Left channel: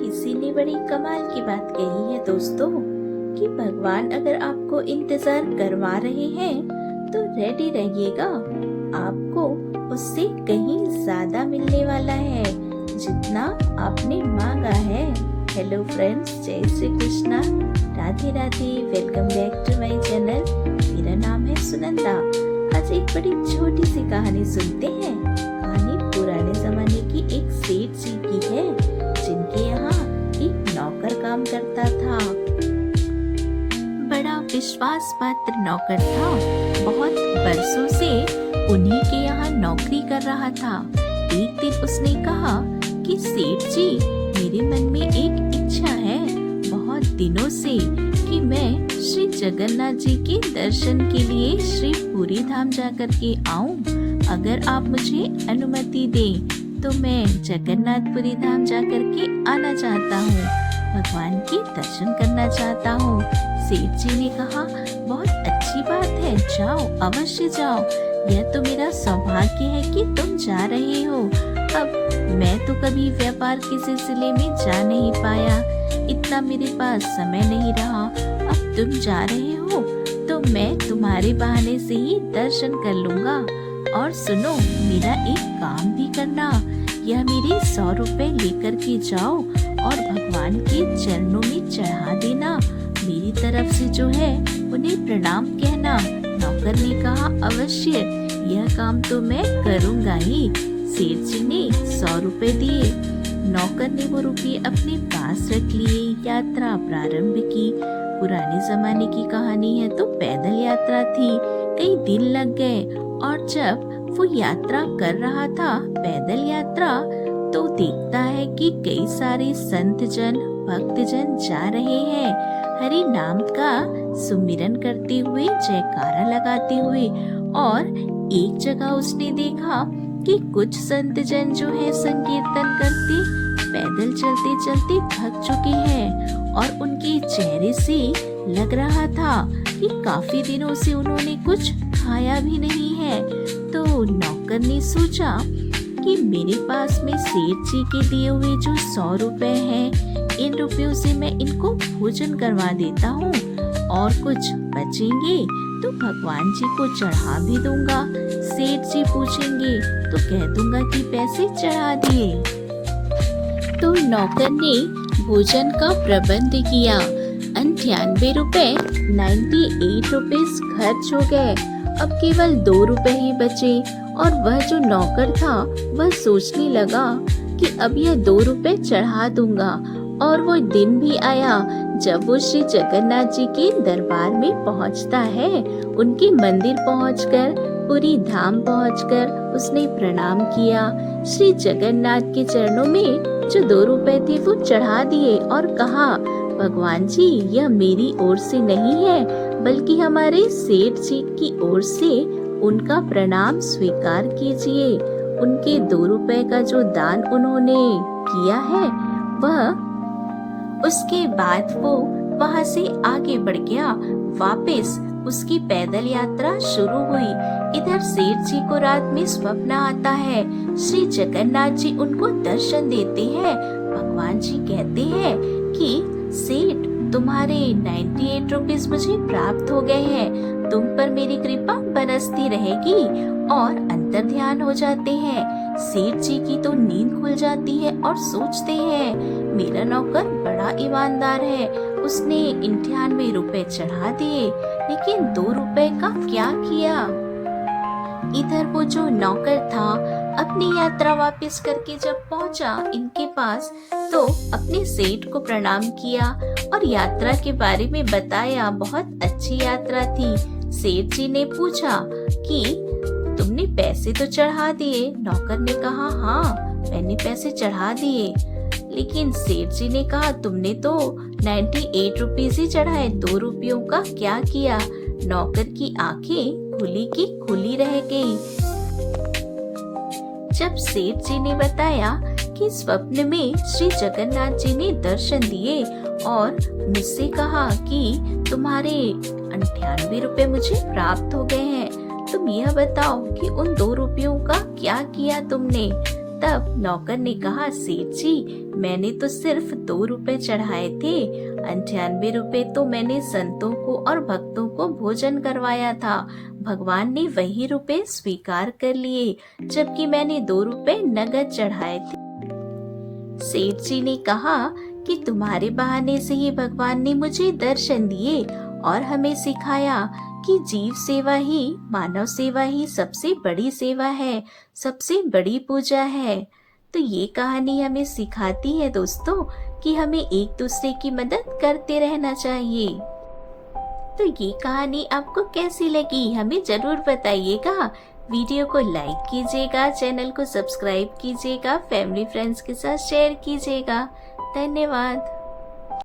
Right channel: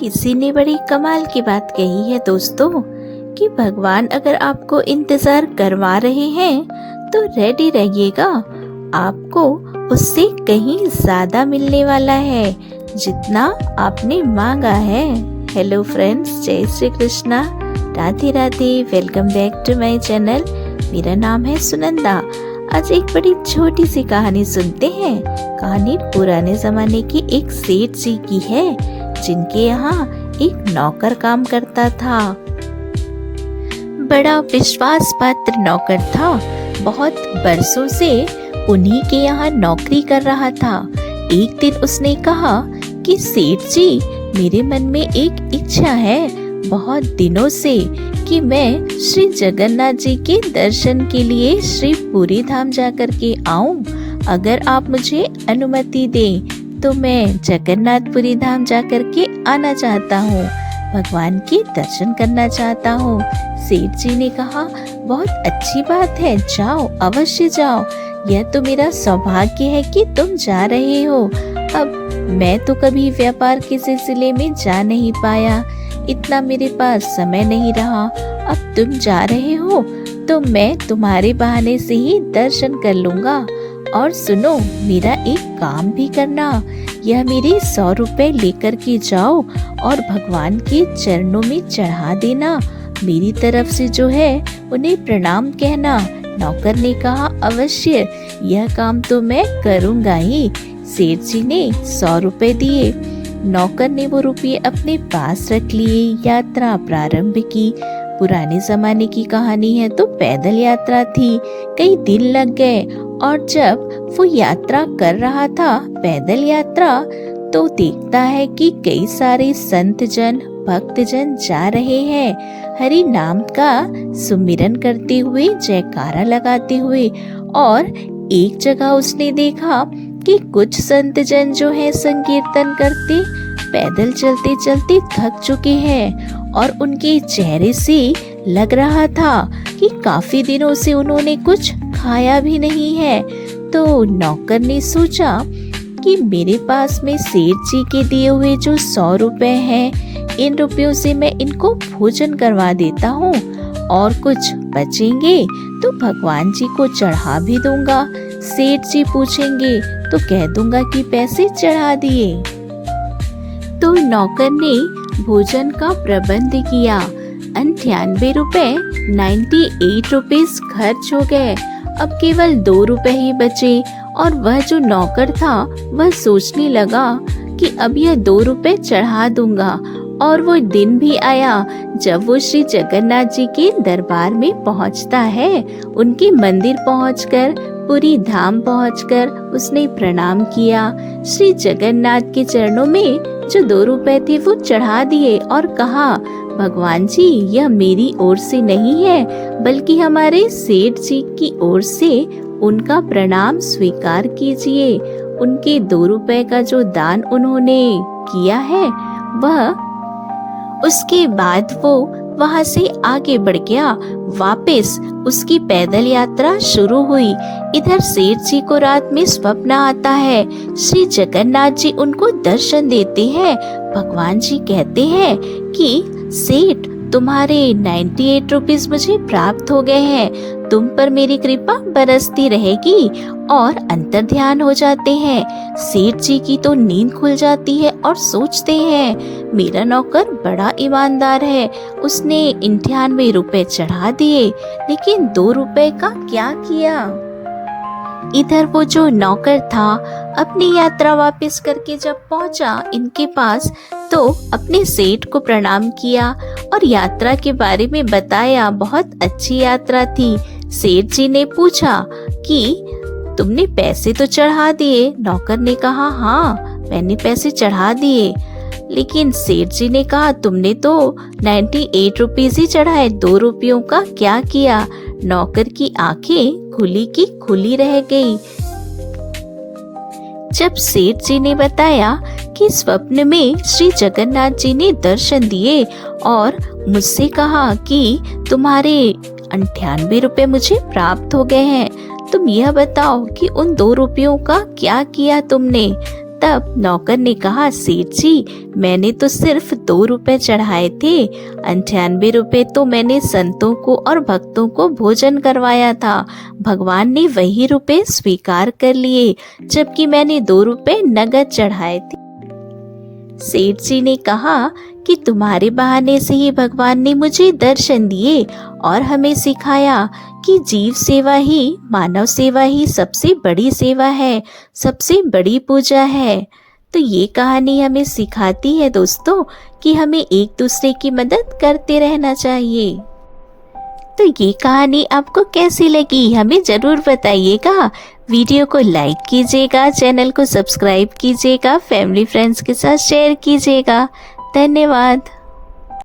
किसी ने बड़ी कमाल की बात कही है दोस्तों कि भगवान अगर आपको इंतजार करवा रहे हैं तो रेडी रहिएगा, आपको उससे कहीं ज्यादा मिलने वाला है जितना आपने मांगा है। हेलो फ्रेंड्स, जय Shri Krishna, Radhe Radhe, welcome back to my channel. मेरा नाम है सुनंदा। आज एक बड़ी छोटी सी कहानी सुनते हैं। कहानी पुराने जमाने की एक सेठ जी की है जिनके यहाँ एक नौकर काम करता था। बड़ा विश्वास पात्र नौकर था, बहुत बरसों से उन्हीं के यहाँ नौकरी कर रहा था। एक दिन उसने कहा कि सेठ जी, मेरे मन में एक इच्छा है बहुत दिनों से कि मैं श्री जगन्नाथ जी के दर्शन के लिए श्री पुरी धाम जाकर के आऊं। अगर आप मुझे अनुमति दें तो मैं जगन्नाथपुरी धाम जाकर के आना चाहता हूँ, भगवान के दर्शन करना चाहता हूँ। सेठ जी ने कहा, बहुत अच्छी बात है, जाओ, अवश्य जाओ। यह तो मेरा सौभाग्य है कि तुम जा रहे हो। अब मैं तो कभी व्यापार के सिलसिले में जा नहीं पाया, इतना मेरे पास समय नहीं रहा। अब तुम जा रहे हो तो मैं तुम्हारे बहाने से ही दर्शन कर लूंगा। और सुनो, मेरा एक काम भी करना, यह मेरे 100 रुपए लेकर के जाओ और भगवान के चरणों में चढ़ा देना। मेरी तरफ से जो है उन्हें प्रणाम कहना। नौकर ने कहा, अवश्य, यह काम तो मैं करूंगा ही। सेठ जी ने 100 रुपए दिए। नौकर ने वो रुपये अपने पास रख लिए। यात्रा प्रारंभ की। पुराने जमाने की कहानी है तो पैदल यात्रा थी। कई दिन लग गए और जब वो यात्रा कर रहा था, पैदल यात्रा, तो देखता है कि कई सारे संत जन, भक्त जन जा रहे हैं हरि नाम का सुमिरन करते हुए, जयकारा लगाते हुए। और एक जगह उसने देखा कि कुछ संत जन जो है संकीर्तन करते, पैदल चलते चलते थक चुके हैं और उनके चेहरे से लग रहा था कि काफी दिनों से उन्होंने कुछ खाया भी नहीं है। तो नौकर ने सोचा कि मेरे पास में सेठ जी के दिए हुए जो 100 रुपए हैं, इन रुपयों से मैं इनको भोजन करवा देता हूँ और कुछ बचेंगे तो भगवान जी को चढ़ा भी दूंगा। सेठ जी पूछेंगे तो कह दूंगा कि पैसे चढ़ा दिए। तो नौकर ने भोजन का प्रबंध किया। 98 रुपए 98 रुपीज खर्च हो गए। अब केवल 2 रुपए ही बचे और वह जो नौकर था वह सोचने लगा कि अब यह 2 रुपए चढ़ा दूंगा। और वो दिन भी आया जब वो श्री जगन्नाथ जी के दरबार में पहुंचता है। उनके मंदिर पहुंचकर, पुरी धाम पहुंचकर उसने प्रणाम किया। श्री जगन्नाथ के चरणों में जो 2 रुपए थे वो चढ़ा दिए और कहा, भगवान जी, यह मेरी ओर से नहीं है बल्कि हमारे सेठ जी की ओर से, उनका प्रणाम स्वीकार कीजिए। उनके 2 रुपए का जो दान उन्होंने किया है वह। उसके बाद वो वहाँ से आगे बढ़ गया। वापस उसकी पैदल यात्रा शुरू हुई। इधर सेठ जी को रात में स्वप्न आता है। श्री जगन्नाथ जी उनको दर्शन देते हैं। भगवान जी कहते हैं कि सेठ, तुम्हारे 98 रुपीज मुझे प्राप्त हो गए हैं, तुम पर मेरी कृपा बरसती रहेगी। और अंतर ध्यान हो जाते हैं। सेठ जी की तो नींद खुल जाती है और सोचते हैं, मेरा नौकर बड़ा ईमानदार है, उसने 98 रुपए चढ़ा दिए, लेकिन 2 रुपए का क्या किया। इधर वो जो नौकर था अपनी यात्रा वापस करके जब पहुंचा इनके पास, तो अपने सेठ को प्रणाम किया और यात्रा के बारे में बताया। बहुत अच्छी यात्रा थी। सेठ जी ने पूछा कि तुमने पैसे तो चढ़ा दिए। नौकर ने कहा, हाँ, मैंने पैसे चढ़ा दिए। लेकिन सेठ जी ने कहा, तुमने तो 98 रुपीज ही चढ़ाए, 2 रुपयों का क्या किया। नौकर की आंखें खुली की खुली रह गई जब सेठ जी ने बताया कि स्वप्न में श्री जगन्नाथ जी ने दर्शन दिए और मुझसे कहा कि तुम्हारे 98 रुपए मुझे प्राप्त हो गए हैं, तुम यह बताओ कि उन 2 रुपयों का क्या किया तुमने। तब नौकर ने कहा, सेठ जी मैंने तो सिर्फ 2 रुपए चढ़ाए थे, 98 रुपए तो मैंने संतों को और भक्तों को भोजन करवाया था। भगवान ने वही रुपए स्वीकार कर लिए, जबकि मैंने 2 रुपए नगद चढ़ाए थे। सेठ जी ने कहा कि तुम्हारे बहाने से ही भगवान ने मुझे दर्शन दिए और हमें सिखाया कि जीव सेवा ही, मानव सेवा ही सबसे बड़ी सेवा है, सबसे बड़ी पूजा है। तो ये कहानी हमें सिखाती है दोस्तों कि हमें एक दूसरे की मदद करते रहना चाहिए। तो ये कहानी आपको कैसी लगी हमें ज़रूर बताइएगा। वीडियो को लाइक कीजिएगा, चैनल को सब्सक्राइब कीजिएगा, फैमिली फ्रेंड्स के साथ शेयर कीजिएगा। धन्यवाद।